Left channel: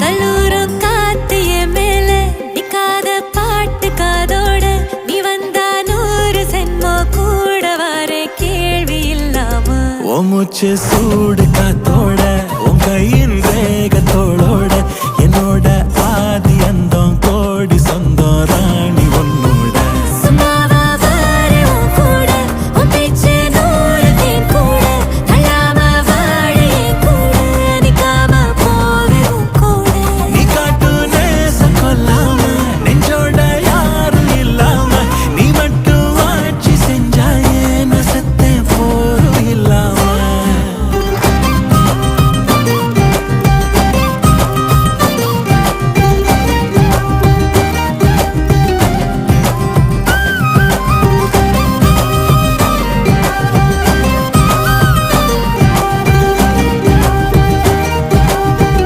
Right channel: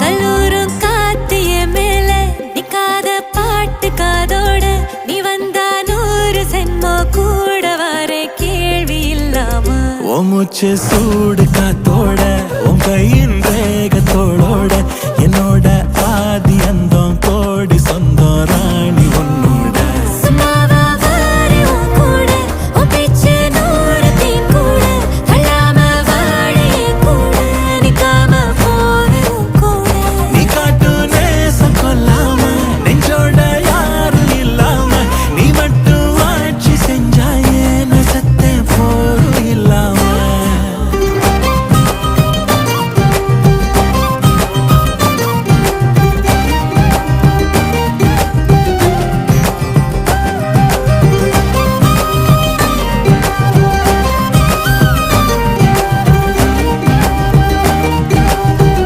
கல்லூரும் காத்திய மேல நிக்காத பாட்டு காதோட நீ வந்தா 100 சென்மோ கூட வர கேள்வி இல்லாம மூச்சு சூடு காத்தோட உன் கையின் ரேகத்தோளோட என்னோட ஆதி அந்தம்